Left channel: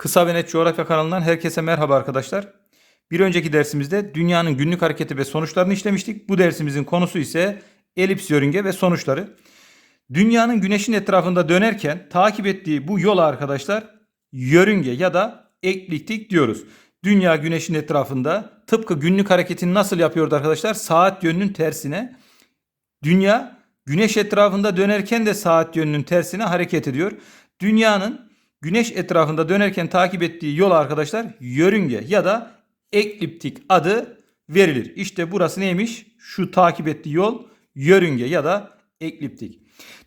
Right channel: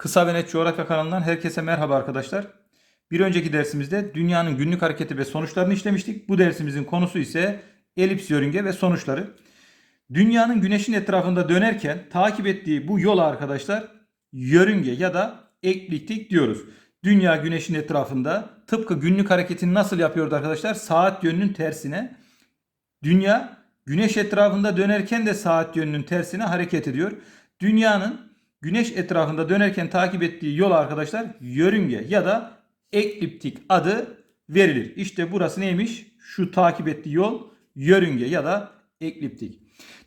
Kısa ve Net Coğrafya kanalından herkese merhaba arkadaşlar. Bir önceki dersimizde dünyanın günlük hareketi ve sonuçlarını işlemiştik. Bu dersimizin konusu ise elips yörünge ve sonuçları. Dünyanın güneşin etrafında dönerken takip ettiği bu yola arkadaşlar yörünge ya da ekliptik diyoruz. Dünya güneşin etrafında tıpkı günlük hareketini nasıl yapıyordu arkadaşlar? Saat yönünün tersine. Dünya güneş etrafında dönerken de saat yönünün tersine hareket ediyor. Dünyanın güneş etrafında dönerken takip ettiği yol arkadaşlar yörünge ya da ekliptik adı verilir. İşte burası neymiş? Şu takip ettiği yol yörünge ya da ekliptik.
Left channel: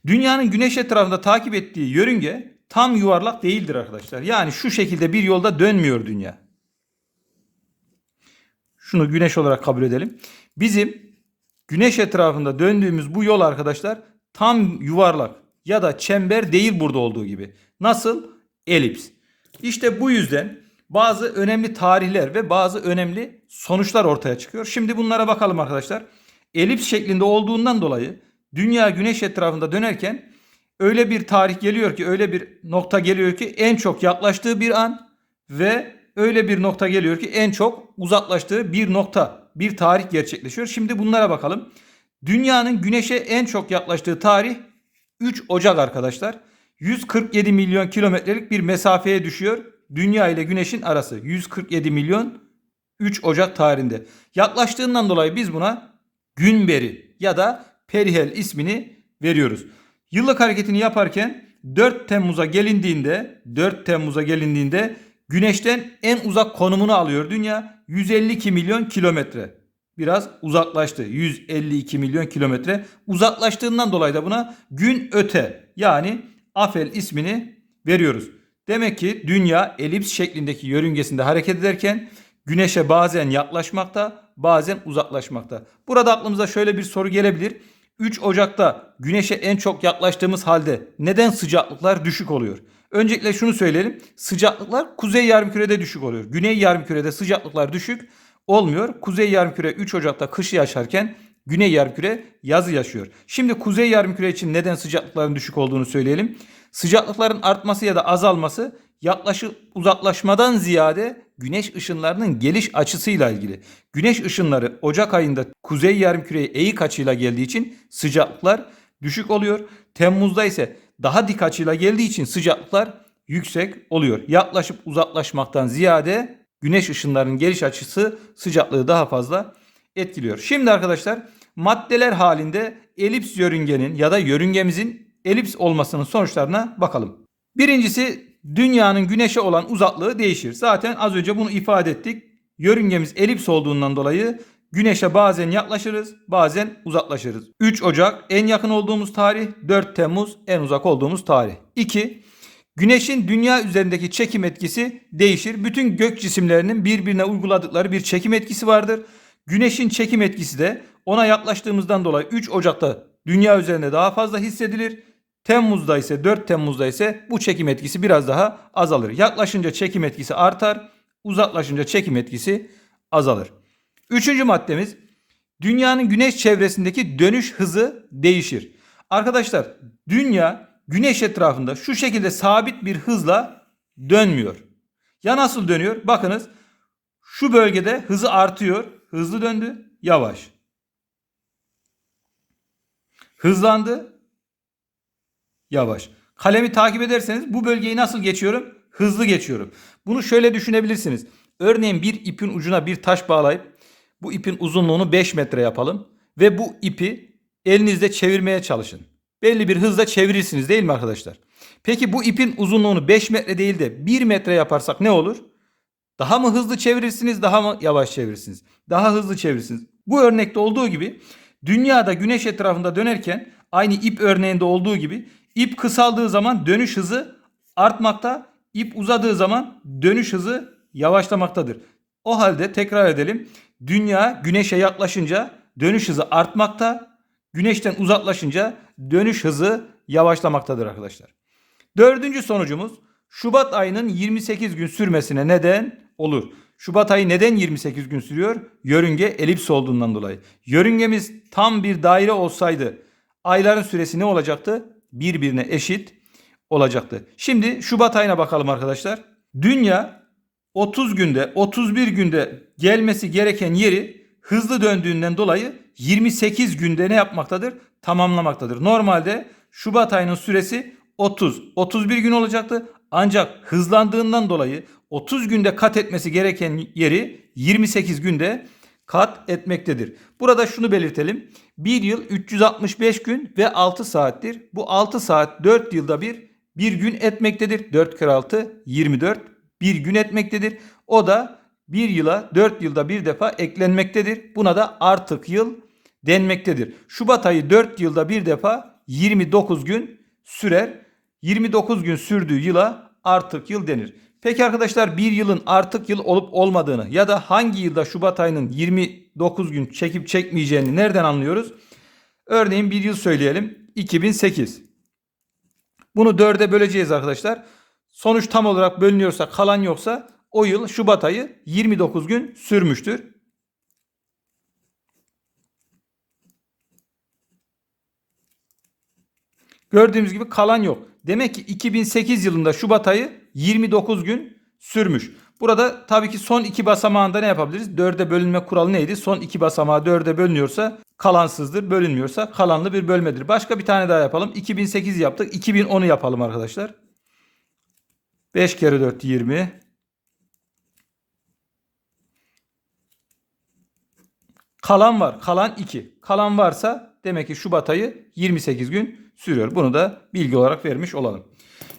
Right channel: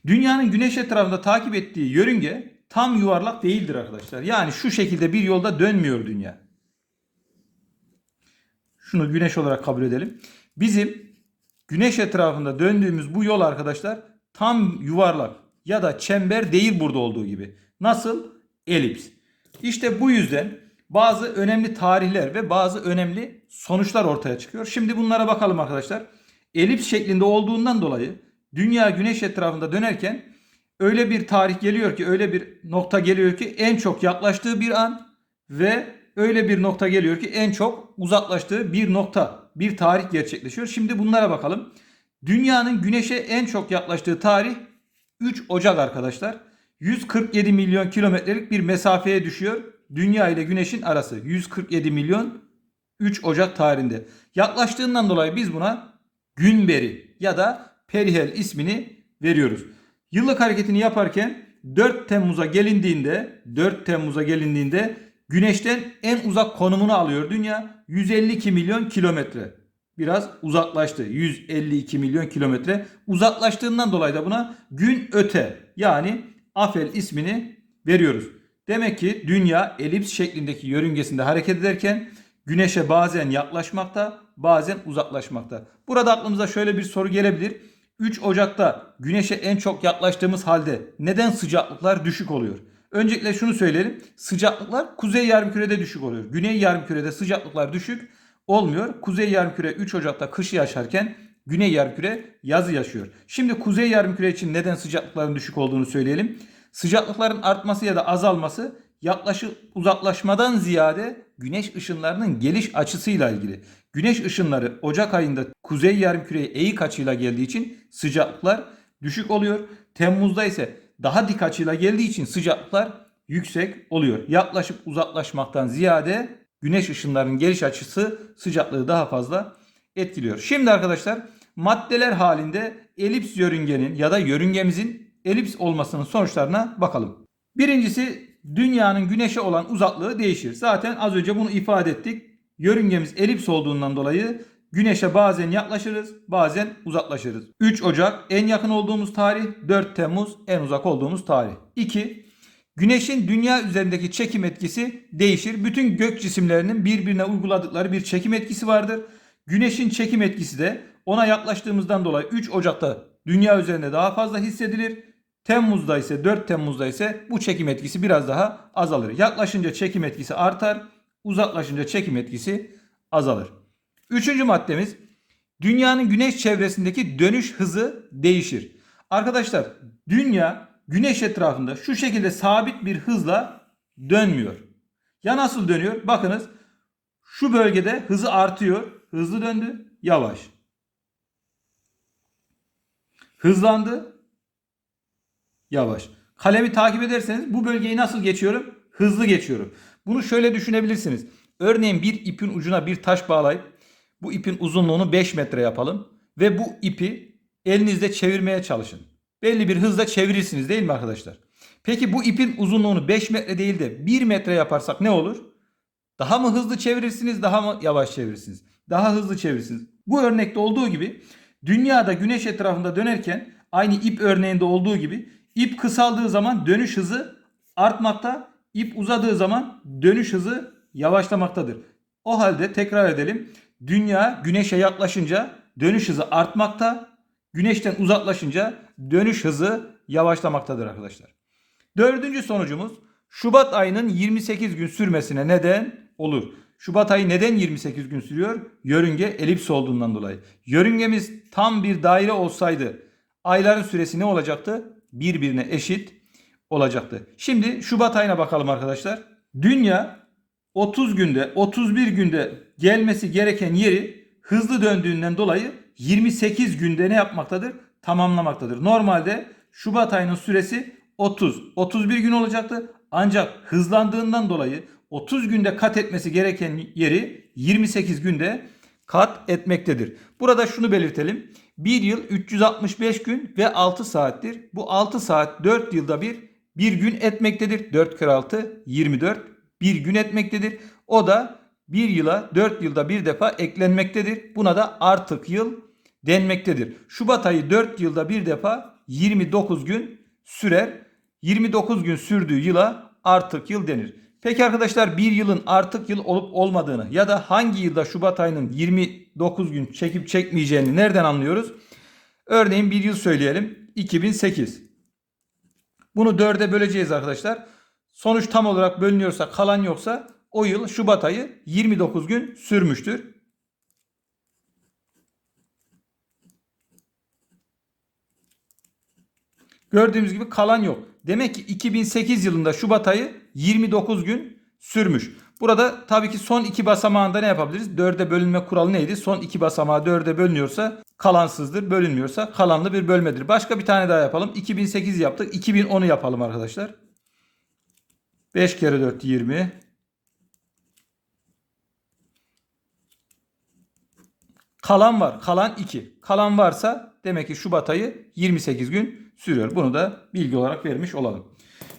Dünyanın güneş etrafında takip ettiği yörünge tam yuvarlak değildir arkadaşlar. Yani şu şekilde bir yolda dönmüyor dünya. Şunu güneş olarak kabul edelim. Bizim güneş etrafında döndüğümüz bu yol arkadaşlar tam yuvarlak ya da çember değil burada olduğu gibi. Nasıl? Elips. İşte bu yüzden bazı önemli tarihler ve bazı önemli sonuçlar ortaya çıkıyor. Şimdi bunlara bakalım arkadaşlar. Elips şeklinde olduğundan dolayı dünya güneş etrafında dönerken öyle bir tarih geliyor ki öyle bir nokta geliyor ki en çok yaklaştığı bir an ve öyle bir nokta geliyor ki en çok uzaklaştığı bir nokta, bir tarih gerçekleşiyor. Şimdi bunlara bakalım. Dünyanın güneşe en çok yaklaştığı tarih 3 Ocak arkadaşlar. 147 milyon kilometrelik bir mesafeye düşüyor. Dünya ile güneşin arası 147 milyon 3 Ocak tarihinde. Yaklaştığından dolayı biz buna Günberi ya da Perihel ismini veriyoruz. Yıllık hareketini yaparken 4 Temmuz'a gelindiğinde 4 Temmuz'a gelindiğinde Güneşten en uzak konumunu alıyor dünya 152 milyon kilometre. Biraz uzaklaştı. 152 milyon kilometre. Uzaklaştığından dolayı da buna gün öte yani Afel ismini veriyoruz. Demek ki dünya elips şeklindeki yörüngesinde hareket ederken güneşe bazen yaklaşmakta, bazen uzaklaşmakta. Burada aklımıza şöyle bir soru gelebilir. 3 Ocak'ta güneşe en çok yaklaştığımız halde neden sıcaklıklar düşük oluyor? Öncelikle şunu söyleyelim. Sıcaklıklar kuzey yarımkürede düşük oluyor. Güney yarımkürede sıcaklıklar düşük olmuyor. Kuzey yarımküre 3 Ocak'ta kışı yaşarken güney yarımküre yazı yaşıyor. Şimdi kuzey yarımküre için neden sıcaklıkların düşük olduğunu söyleyelim. Sıcaklıkların artması ya da azalması yaklaşık uzaklaşmadan ziyade güneş ışınlarının geliş açısıyla ilgili. Güneş ışınları Ocak ayında kuzey yarımküreye eğik açıyla geldiği için sıcaklıklar düşük oluyor. Temmuz'da ise daha dik açıyla geldiği için sıcaklıklar yüksek oluyor. Yaklaşıp uzaklaşmaktan ziyade güneş ışınlarının geliş açısı sıcaklığı daha fazla etkiliyor. Şimdi arkadaşlar maddeler halinde elips yörüngenin ya da yörüngemizin elips olmasının sonuçlarına bakalım. Birincisi dünyanın güneşe olan uzaklığı değişir. Zaten az önce bunu ifade ettik. Yörüngemiz elips olduğundan dolayı Güneşe bazen yaklaşırız, bazen uzaklaşırız. 3 Ocak en yakın olduğumuz tarih, 4 Temmuz en uzak olduğumuz tarih. 2. Güneşin dünya üzerindeki çekim etkisi değişir. Bütün gök cisimlerinin birbirine uyguladıkları bir çekim etkisi vardır. Güneşin çekim etkisi de ona yaklaştığımızdan dolayı 3 Ocak'ta dünya üzerinde daha fazla hissedilir. Temmuz'da ise 4 Temmuz'da ise bu çekim etkisi biraz daha azalır. Yaklaşınca çekim etkisi artar, uzaklaşınca çekim etkisi azalır. Üçüncü maddemiz dünyanın güneş çevresindeki dönüş hızı değişir. Arkadaşlar dünya güneş etrafında şu şekilde sabit bir hızla dönmüyor. Ya nasıl dönüyor? Bakınız şu bölgede hızı artıyor. Hızlı döndü. Yavaş. Hızlandı. Yavaş. Kalemi takip ederseniz bu bölgeyi nasıl geçiyorum? Hızlı geçiyorum. Bunu şöyle düşünebilirsiniz. Örneğin bir ipin ucuna bir taş bağlayıp bu ipin uzunluğunu 5 metre yapalım ve bu ipi elinizde çevirmeye çalışın. Belli bir hızla çevirirsiniz değil mi arkadaşlar? Peki bu ipin uzunluğunu 5 metre değil de 1 metre yaparsak ne olur? Daha mı hızlı çevirirsiniz, daha mı yavaş çevirirsiniz? Daha hızlı çevirirsiniz. Bu örnekte olduğu gibi dünyada güneş etrafında dönerken aynı ip örneğinde olduğu gibi ip kısaldığı zaman dönüş hızı artmakta, ip uzadığı zaman dönüş hızı yavaşlamaktadır. O halde tekrar edelim. Dünya güneşe yaklaşınca dönüş hızı artmakta. Güneşten uzaklaşınca dönüş hızı yavaşlamaktadır arkadaşlar. Dördüncü sonucumuz Şubat ayının 28 gün sürmesine neden olur. Şubat ayı neden 28 gün sürüyor? Yörünge elips olduğundan dolayı. Yörüngemiz tam bir daire olsaydı ayların süresi ne olacaktı? Birbirine eşit olacaktı. Şimdi Şubat ayına bakalım arkadaşlar. Dünya 30 günde 31 günde gelmesi gereken yeri hızlı döndüğünden dolayı 28 günde ne yapmaktadır? Tamamlamaktadır. Normalde Şubat ayının süresi 30 31 gün olacaktı. Ancak hızlandığından dolayı 30 günde kat etmesi gereken yeri 28 günde kat etmektedir. Burada şunu belirtelim. Bir yıl 365 gün ve 6 saattir. Bu 6 saat 4 yılda bir bir gün etmektedir. 4 kere 6 24 bir gün etmektedir. O da bir yıla 4 yılda bir defa eklenmektedir. Buna da artık yıl denmektedir. Şubat ayı 4 yılda bir defa 29 gün sürer. 29 gün sürdüğü yıla artık yıl denir. Peki arkadaşlar bir yılın artık yıl olup olmadığını ya da hangi yılda Şubat ayının 29 gün çekip çekmeyeceğini nereden anlıyoruz? Örneğin bir yıl söyleyelim. 2008. Bunu 4'e böleceğiz arkadaşlar. Sonuç tam olarak bölünüyorsa kalan yoksa o yıl Şubat ayı 29 gün sürmüştür. Gördüğümüz gibi kalan yok. Demek ki 2008 yılında Şubat ayı 29 gün sürmüş. Burada tabii ki son iki basamağında ne yapabiliriz? 4'e bölünme kuralı neydi? Son iki basamağı 4'e bölünüyorsa kalansızdır. Bölünmüyorsa kalanlı bir bölmedir. Başka bir tane daha yapalım. 2008 yaptık. 2010'u yapalım arkadaşlar. 5 kere 4 20. Kalan var. Kalan 2. Kalan varsa demek ki Şubat ayı 28 gün sürüyor. Bunu da bilgi olarak vermiş olalım.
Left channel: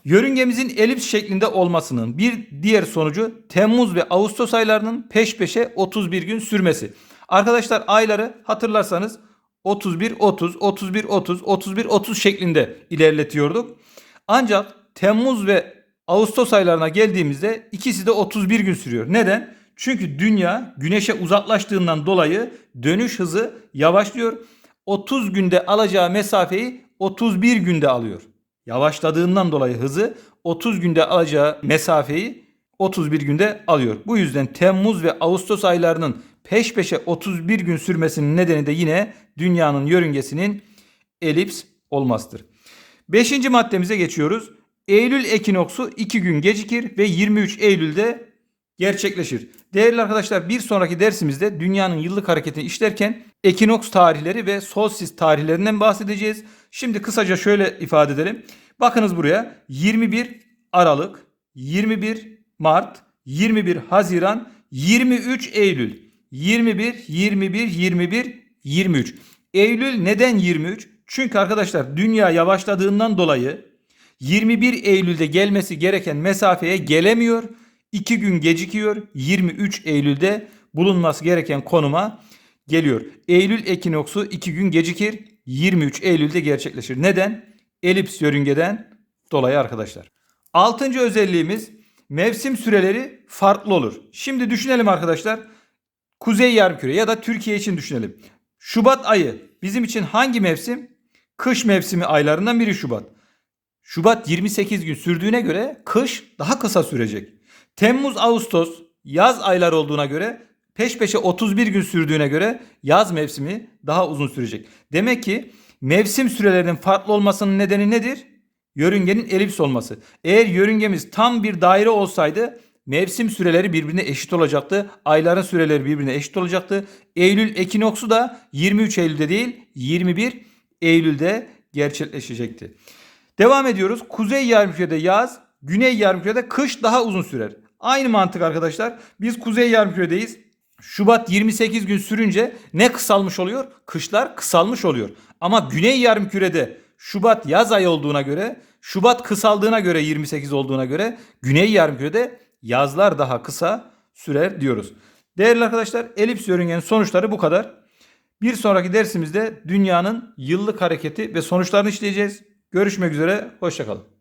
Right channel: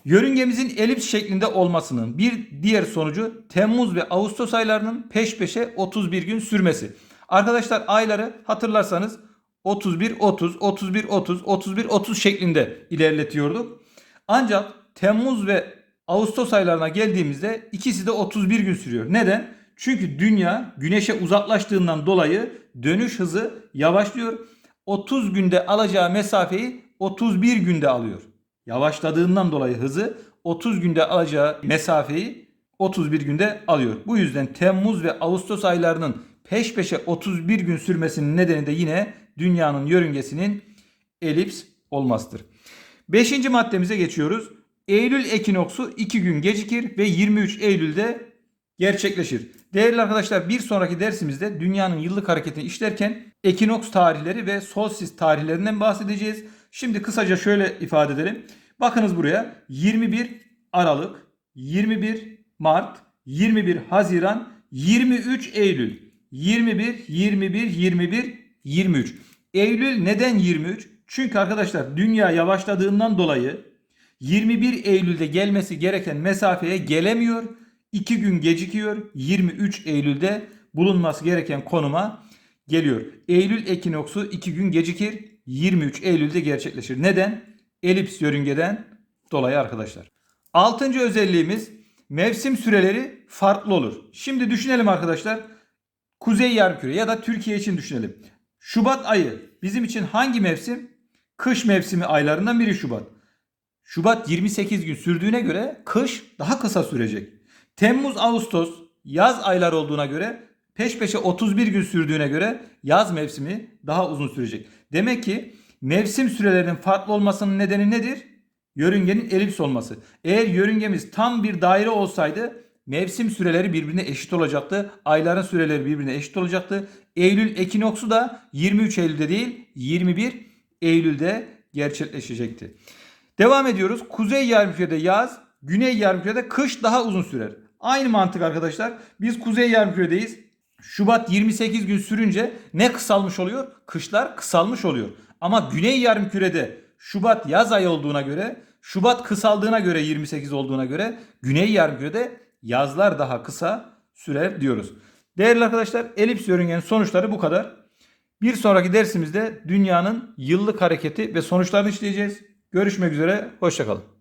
Yörüngemizin elips şeklinde olmasının bir diğer sonucu Temmuz ve Ağustos aylarının peş peşe 31 gün sürmesi. Arkadaşlar ayları hatırlarsanız 31 30 31 30 31 30 şeklinde ilerletiyorduk. Ancak Temmuz ve Ağustos aylarına geldiğimizde ikisi de 31 gün sürüyor. Neden? Çünkü dünya güneşe uzaklaştığından dolayı dönüş hızı yavaşlıyor. 30 günde alacağı mesafeyi 31 günde alıyor. Yavaşladığından dolayı hızı 30 günde alacağı mesafeyi 31 günde alıyor. Bu yüzden Temmuz ve Ağustos aylarının peş peşe 31 gün sürmesinin nedeni de yine dünyanın yörüngesinin elips olmasıdır. Beşinci maddemize geçiyoruz. Eylül ekinoksu 2 gün gecikir ve 23 Eylül'de gerçekleşir. Değerli arkadaşlar bir sonraki dersimizde dünyanın yıllık hareketini işlerken ekinoks tarihleri ve solstice tarihlerinden bahsedeceğiz. Şimdi kısaca şöyle ifade edelim. Bakınız buraya 21 Aralık, 21 Mart, 21 Haziran, 23 Eylül. 21, 21, 21, 23. Eylül neden 23? Çünkü arkadaşlar dünya yavaşladığından dolayı 21 Eylül'de gelmesi gereken mesafeye gelemiyor. 2 gün gecikiyor. 23 Eylül'de bulunması gereken konuma geliyor. Eylül ekinoksu 2 gün gecikir. 23 Eylül'de gerçekleşir. Neden? Elips yörüngeden dolayı arkadaşlar. Altıncı özelliğimiz mevsim süreleri farklı olur. Şimdi düşünelim arkadaşlar. Kuzey yarımküre ya da Türkiye için düşünelim. Şubat ayı bizim için hangi mevsim? Kış mevsimi aylarından biri Şubat. Şubat 28 gün sürdüğüne göre kış daha kısa sürecek. Temmuz, Ağustos yaz aylar olduğuna göre peş peşe 31 gün sürdüğüne göre yaz mevsimi daha uzun sürecek. Demek ki mevsim sürelerinin farklı olmasının nedeni nedir? Yörüngenin elips olması. Eğer yörüngemiz tam bir daire olsaydı mevsim süreleri birbirine eşit olacaktı. Ayların süreleri birbirine eşit olacaktı. Eylül ekinoksu da 23 Eylül'de değil 21 Eylül'de gerçekleşecekti. Devam ediyoruz. Kuzey yarımkürede yaz, güney yarımkürede kış daha uzun sürer. Aynı mantık arkadaşlar. Biz kuzey yarımküredeyiz. Şubat 28 gün sürünce ne kısalmış oluyor? Kışlar kısalmış oluyor. Ama güney yarımkürede Şubat yaz ayı olduğuna göre, Şubat kısaldığına göre 28 olduğuna göre güney yarımkürede yazlar daha kısa sürer diyoruz. Değerli arkadaşlar elips yörüngenin sonuçları bu kadar. Bir sonraki dersimizde dünyanın yıllık hareketi ve sonuçlarını işleyeceğiz. Görüşmek üzere, hoşçakalın.